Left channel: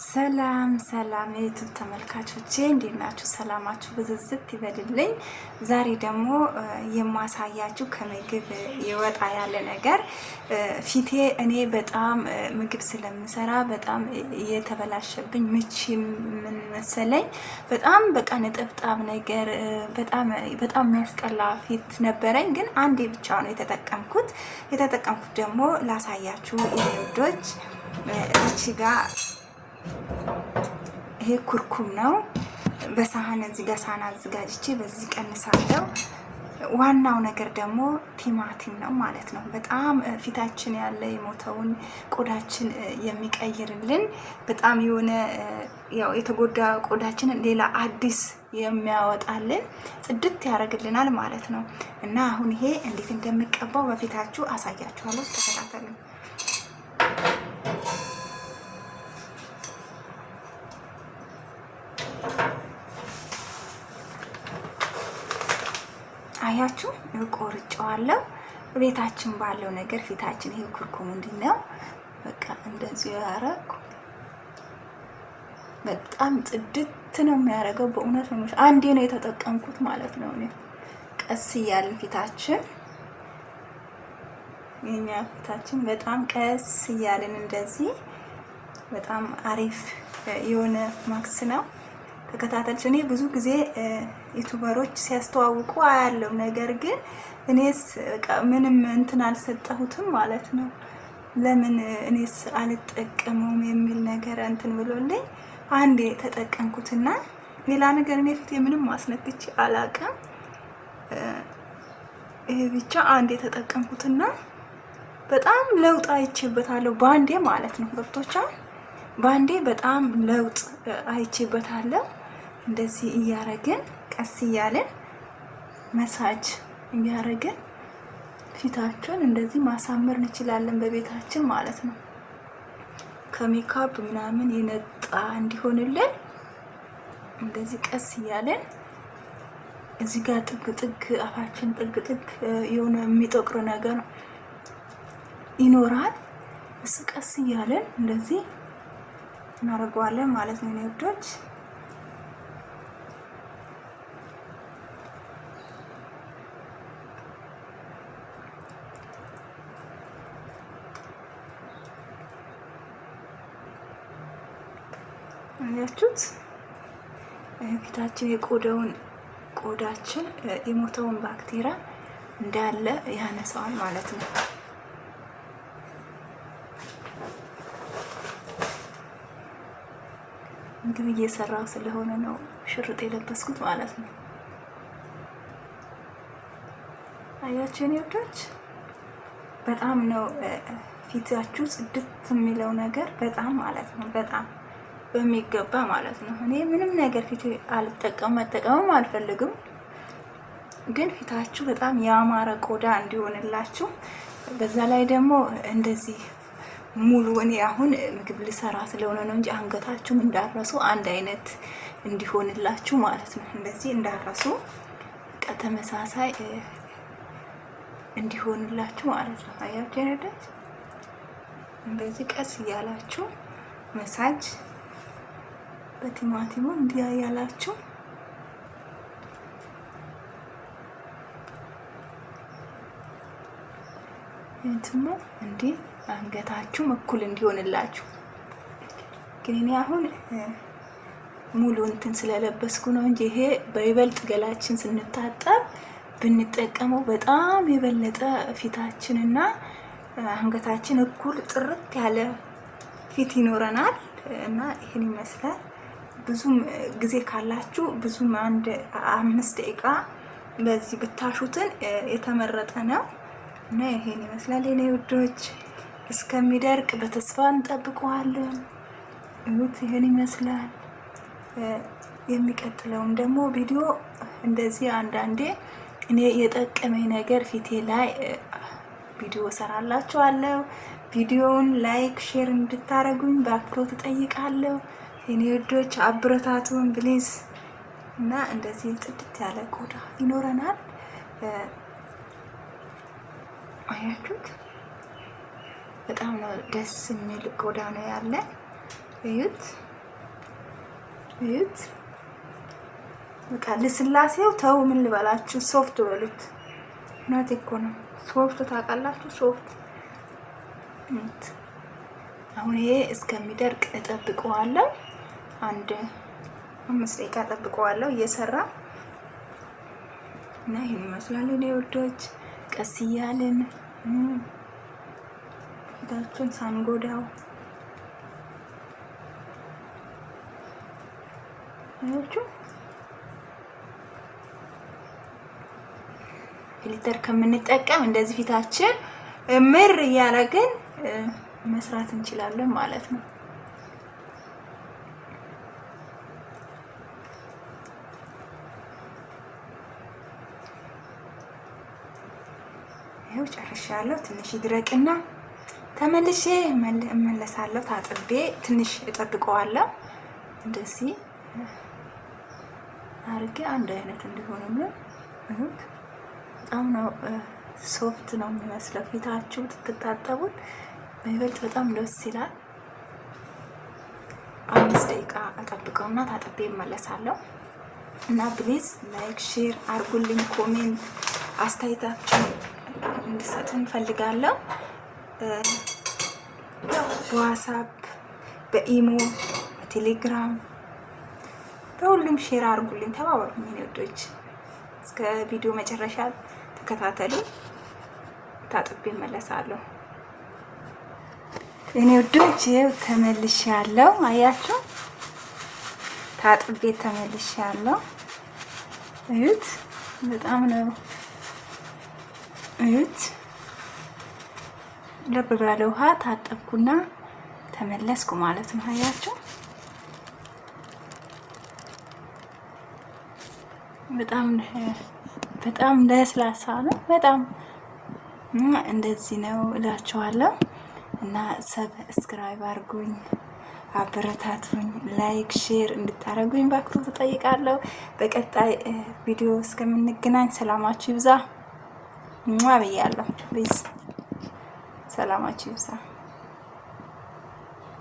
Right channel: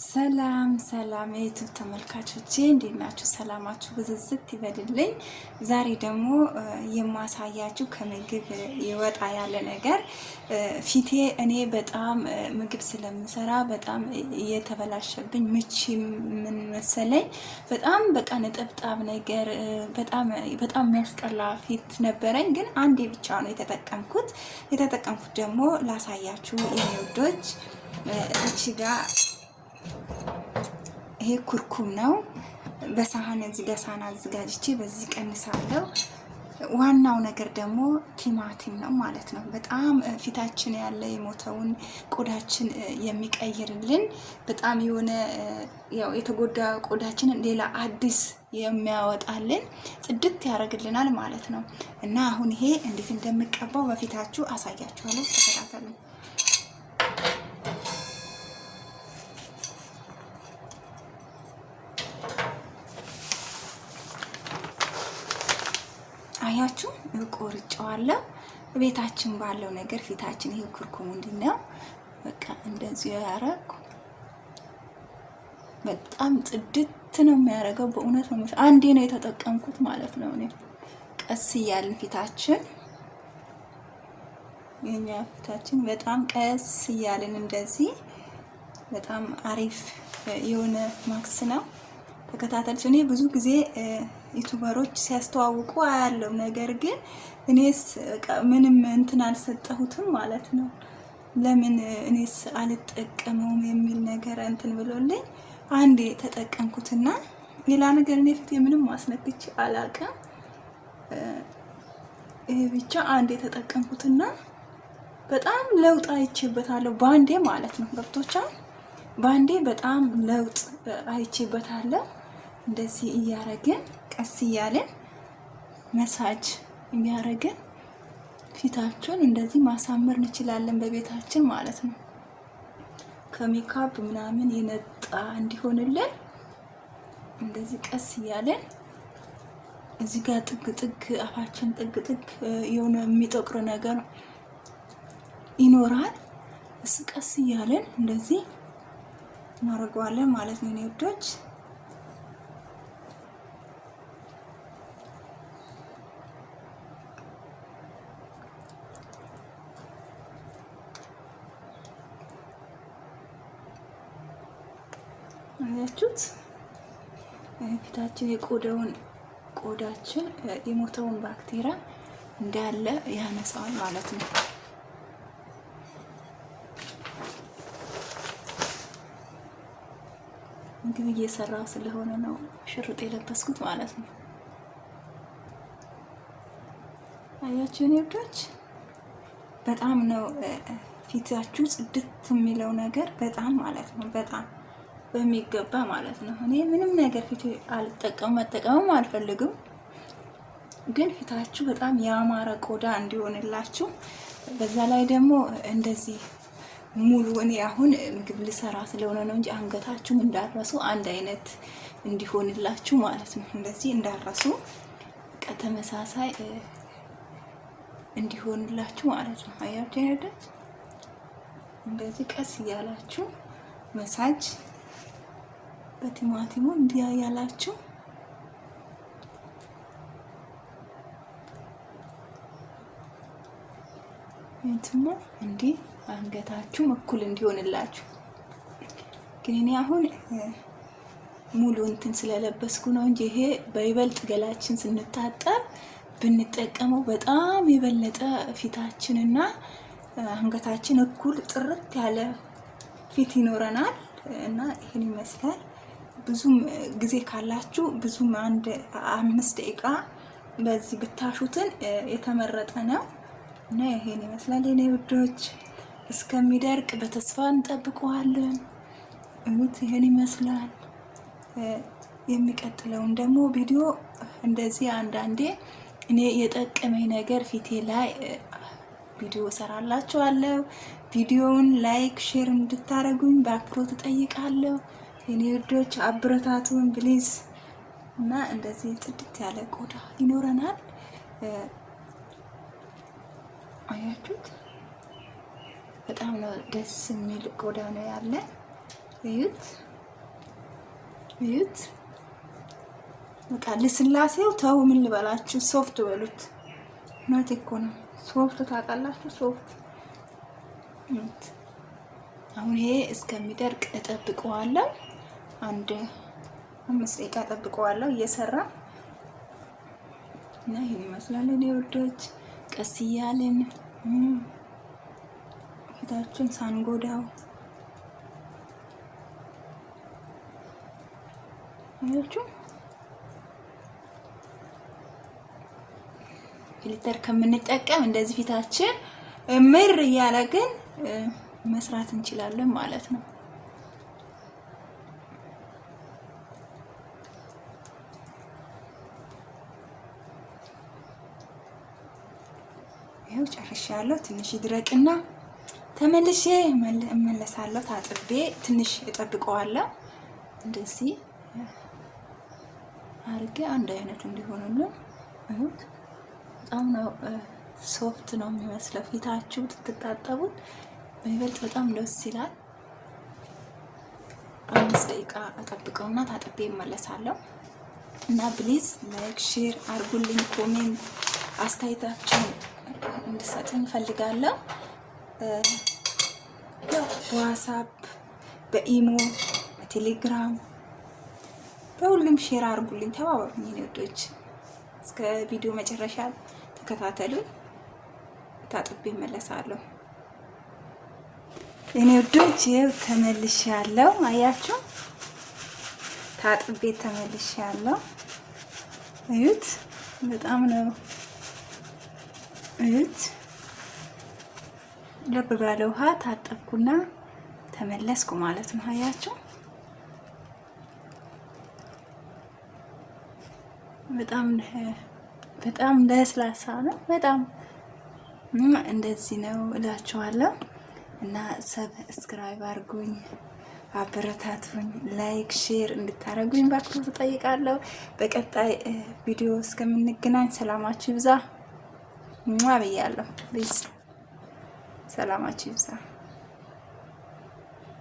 ሰላም ሰላም የዩቲዩብ ተመልካቾቼ እንዴት ናችሁ? ሰላማችሁ ብዝዝት ይበልልኝ። ዛሬ ደግሞ የማሳያችሁ ከምግብ የወጣ ያለ ነገር ፊቴ እኔ በጣም ምግብ ስለምሰራ በጣም የተበላሸብኝ ምች ምን መሰለኝ በጣም በቃ ነጠብጣብ ነገር በጣም የሚያስጠላ ፊት ነበረኝ። ግን አንዴ ብቻ ነው የተጠቀምኩት ደግሞ ላሳያችሁ የኔ ውዶች። እዚህ ጋር ይሄ ኩርኩም ነው። በሳህን እዚህ ጋር ሳህን አዘጋጅቼ በዚህ ቀንሳለሁ። ዋናው ነገር ደግሞ ቲማቲም ነው ማለት ነው። በጣም ፊታችን ያለ የሞተውን ቆዳችን የሚቀይርልን በጣም የሆነ ያው የተጎዳ ቆዳችንን ሌላ አዲስ የሚያወጣልን ጽድት ያደርግልናል ማለት ነው። እና አሁን ይሄ እንዴት እንደምቀባው በፊታችሁ አሳያችኋለሁ። ተከታተሉኝ። አያችሁ ቆርጬዋለሁ። ቤታችን ባለው ነገር ፊታችን ይሄ ኩርኩም እንዲነው በቃ እንደዚህ ያረኩ በጣም ጽድት ነው የሚያደርገው። በእውነት ነው አንዴ ነው የተጠቀምኩት ማለት ነው። እኔ ቀስ እያልን ፊታችን የኛ ፊታችን በጣም ቀስ እያልን እንደዚህ በጣም አሪፍ የሆነ ማክስ ነው። ተከታተልሽ። እኔ ብዙ ጊዜ ዩቲዩበሮች ሲያስተዋውቁ አያለው፣ ነገር ግን እኔስ በቃ ምንም እንትን አልሰጠሁትም ማለት ነው። ለምን እኔስ አልጠቀመውም የሚል ነገር እንትን ብሎልኝ አንዴ ተጠቀምኩትና ሌላ ነገር እኔ ፊቴ ምንም ማስነክቼ አላውቅም። ይሄ ብቻ አንዴ ተጠቀምኩትና በጣም ለውጥ አይቼበታለሁ ባንዴ ማለት ነው። ገብቶቻል? ባንዴ በጣም ለውጥ አይቼበታለሁ። እንደዚህ እያረግን ቀስ እያልን መሳጅ እያረግን ፊታችን እንደዚህ ማሳመር እንችላለን በቤታችን ማለት ነው። ከሜካፕ ምናምን የነጣ እንዲሆንልን እንደዚህ ቀስ እያልን እዚህ ጋር ጥግ አፋችን ጥግ የሆነ የሚጠቁር ነገር ይኖራል። እሱ ቀስ እያልን እንደዚህ እናደርገዋለን ማለት ነው። ውዶች አያችሁት? ፊታችን ቆዳችን የሞተውን ባክቴሪያ እንዳለ ያነሳዋል ማለት ነው። ምግብ እየሰራው ስለሆነ ነው ሽርጥ የለበስኩት ማለት ነው። አያችሁ የኔ ውዶች፣ በጣም ነው ፊታችሁ ጽድት የሚለው ነገር በጣም ማለት ነው። በጣም በሚገባ ማለት ነው። እኔ ምንም ነገር ፊቴ መጠቀምም አልፈልግም፣ ግን ፊታችሁ በጣም ያማረ ቆዳ እንዲሆንላችሁ በዛ ላይ ደግሞ እንደዚህ ሙሉ እኔ አሁን ምግብ ልሰራ ስለሆነ ነው እንጂ አንገታችሁም እንዳረሱ አንድ አይነት እንዲሆንላችሁ ማለት ነው። እንደዚህ እንዳረሱ በቃ ተመሳሳይ እንዲሆንላችሁ ማለት ነው። አያችሁ አይደል? እንደዚህ ቀስ እያላችሁ መሳጅ በቲማቲሙ እንዲያ ያላችሁ እንትሙ እንዴ አንገታችሁ እኩል እንዲሆንላችሁ። ግን እኔ አሁን ሙሉ እንትን ስለለበስኩ ነው እንጂ ይሄ በይበልጥ ገላችን ስንታጠብ ብንጠቀመው በጣም የበለጠ ፊታችንና አንገታችን እኩል ጥርት ያለ ፊት ይኖረናል። እና ይሄን ይመስላል። ብዙም ጊዜ ካላችሁ ብዙም 5 ደቂቃ በዚህ ብታሹትን የተመረጠ ነው። እና ይሄን ይመስላል የኔ ውዶች። እስከሚደርቅ በተስፋ እንጠብቀዋለን። ይሄን ይመስላል። የሚቀጥለውን ደግሞ ቪዲዮ እንደዚህ አንዳንዴ እኔ የጠቀመኝ ነገር ፊቴ ላይ ቪዲዮ ሰራላችኋለሁ። ቪዲዮውን ላይክ ሼር እንድታረጉኝ በአክብሮት እጠይቃለሁ የኔ ውዶች። አብረታቱን ፕሊዝ። እና እንደዚህ ጽድት ያለ ቆዳ ይኖረናል። አያችሁት? በጣም ነው ደስ የሚል ቆዳ ነው ያለ። እዩት። እዩት። በቃ ልስላሴው ተው ምን ልበላችሁ፣ ሶፍት በሉት። እናቴ እኮ ነው ሶፍት ታውቃላችሁ፣ ሶፍት። አሁን ይሄ እስከሚደርቅ እጠብቀዋለሁ። አንድ 5 ደቂቃ እጠብቀዋለሁ እየሰራ እና ይሄን ይመስላል። እኔ ውዶች ቀስ እያልን ፊታችሁን ሳንጎዳው አያችሁ። ፊልተር ከምንጠቀም እንደዚህ ፊታችን ምር እያደረግን መስራት እንችላለን ማለት ነው። ይኸው ጨርሻለሁ። ትንሽ ይድረቅና ተመልሼ እመለሳለሁ። ታጥቤ ትንሽ እጠብቀዋለሁ። እንደዚህ አርጌ አንድ አይነት እንዲሆንልን እሁት በጣም ነው ሶፍት ነው የሚመስለው። ፊታችሁ ትታጠቡት በይበልጥ በጣም ደስ ይላል። 5 ደቂቃ እጠብቀውና ታጥቤ እመለሳለሁ። እና ፕሊዝ ላይክ ሼር አርጉልኝ፣ ኮሜንት አስተያየታችሁን እንድሰጥ እንፈልጋለሁ። በዋትስአፕ በኢሞ በቴሌግራም በሁሉም ሼር አርጉልኝ፣ ተባበሩኝ የኔ ወዶች። እስከ ቪዲዮ መጨረሻ ተከታተሉ። ታጥቤ እመለሳለሁ የኔ ወዶች። ይኸው ተመልሻለሁ። አያችሁ ታጥቤ ተመልሻለሁ። እዩት፣ በጣም ነው እዩት። ለብ ባለ ውሃ ታጠብኩና ተመለስኩ ማለት ነው። አያችሁ በጣም ለስላሳ ነው። በጣም እንደዚህ ነው እላችኋለሁ። እና ሰብስክራይብ አድርጉኝ፣ አበረታቱኝ፣ ላይክ ሼር እንድታረጉኝ ባክቶ ተጠይቃለሁ። በቀጣይ ቪዲዮ እስከምንገናኝ ሰላማችሁ ይብዛ። ብያለሁ። ሰላማችሁ ይብዛ።